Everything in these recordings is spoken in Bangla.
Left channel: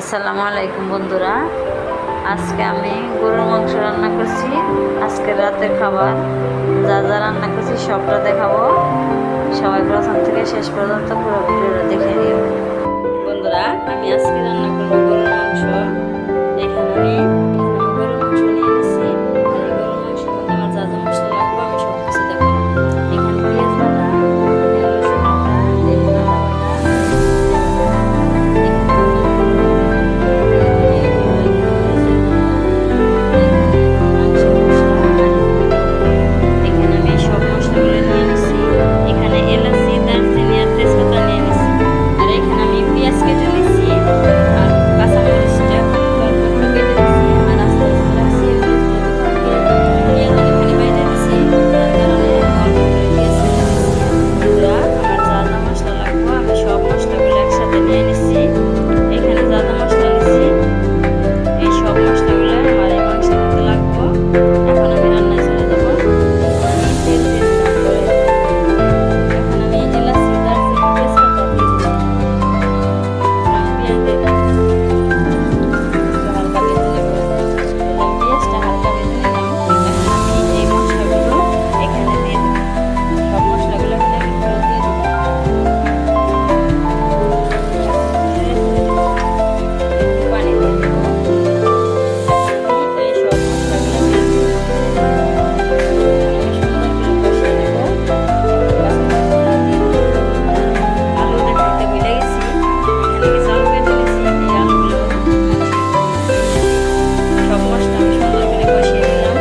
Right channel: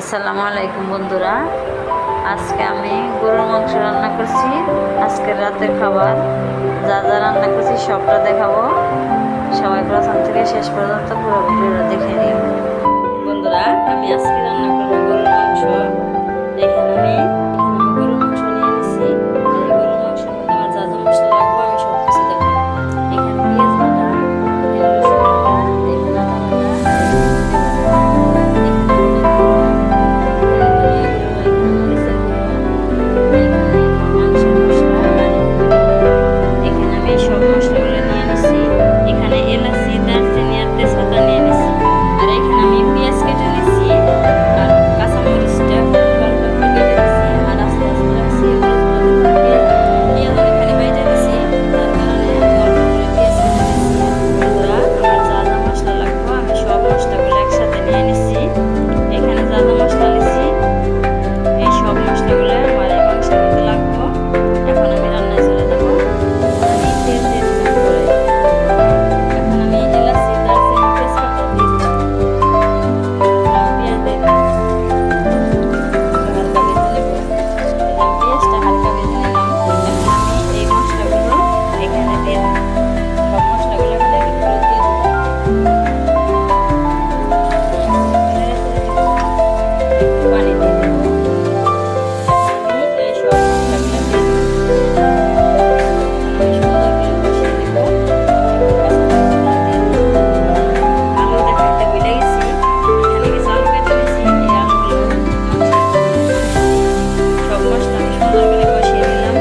আসসালামু আলাইকুম বন্ধুরা। আজকে আমি গরুর মাংস রান্না করছি। আজকে রাতের খাবার, যা যা রান্না করছি সবটা দেখাবো। সবাই প্রথম থেকে শেষ পর্যন্ত পুরোপুরি দেখে নিও। বন্ধুরা, আমি আজকে রান্না করব গরুর মাংস। সব মশলাগুলো আমার এই মাংসের মধ্যে লাগবো। এখন আমি রান্নায় চলে যাব। এখন আমি তেল দিয়ে দিলাম করে এখন আমি এলাচি, দারচিনি, তেজপাতা দিয়ে দিলাম এখন আমি পেঁয়াজ দিয়ে দিলাম হালকা ভেজে নেব। আমি পেঁয়াজটা হালকা ভেজে নিলাম। এখন আমি এই মশলাগুলো এখানে দিয়ে দেবো। সব মশলাগুলো এখানে আমি দিয়ে দিলাম সব মশলা আমি সুন্দর করে কষিয়ে নিলাম।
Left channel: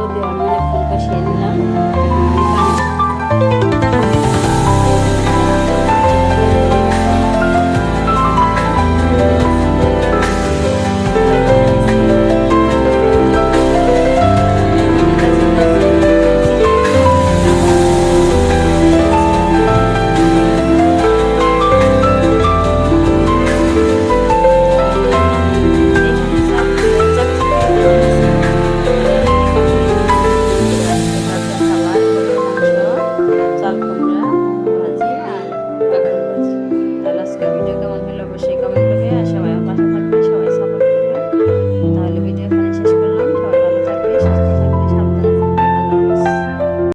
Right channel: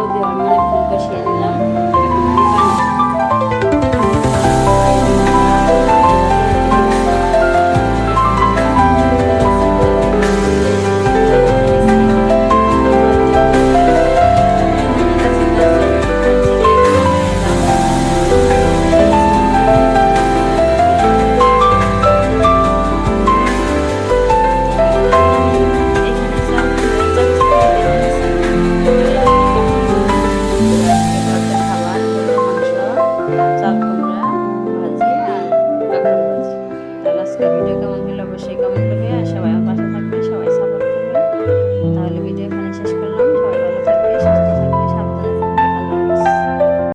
আলু দেওয়ার মানে অনেকক্ষণ কষিয়ে নিলাম। এখন আমি পানি আজকের ভিডিও কেমন হলো অবশ্যই কমেন্ট করবে আর সবাই আমার পাশে থাকবে সবাই সাপোর্ট করবে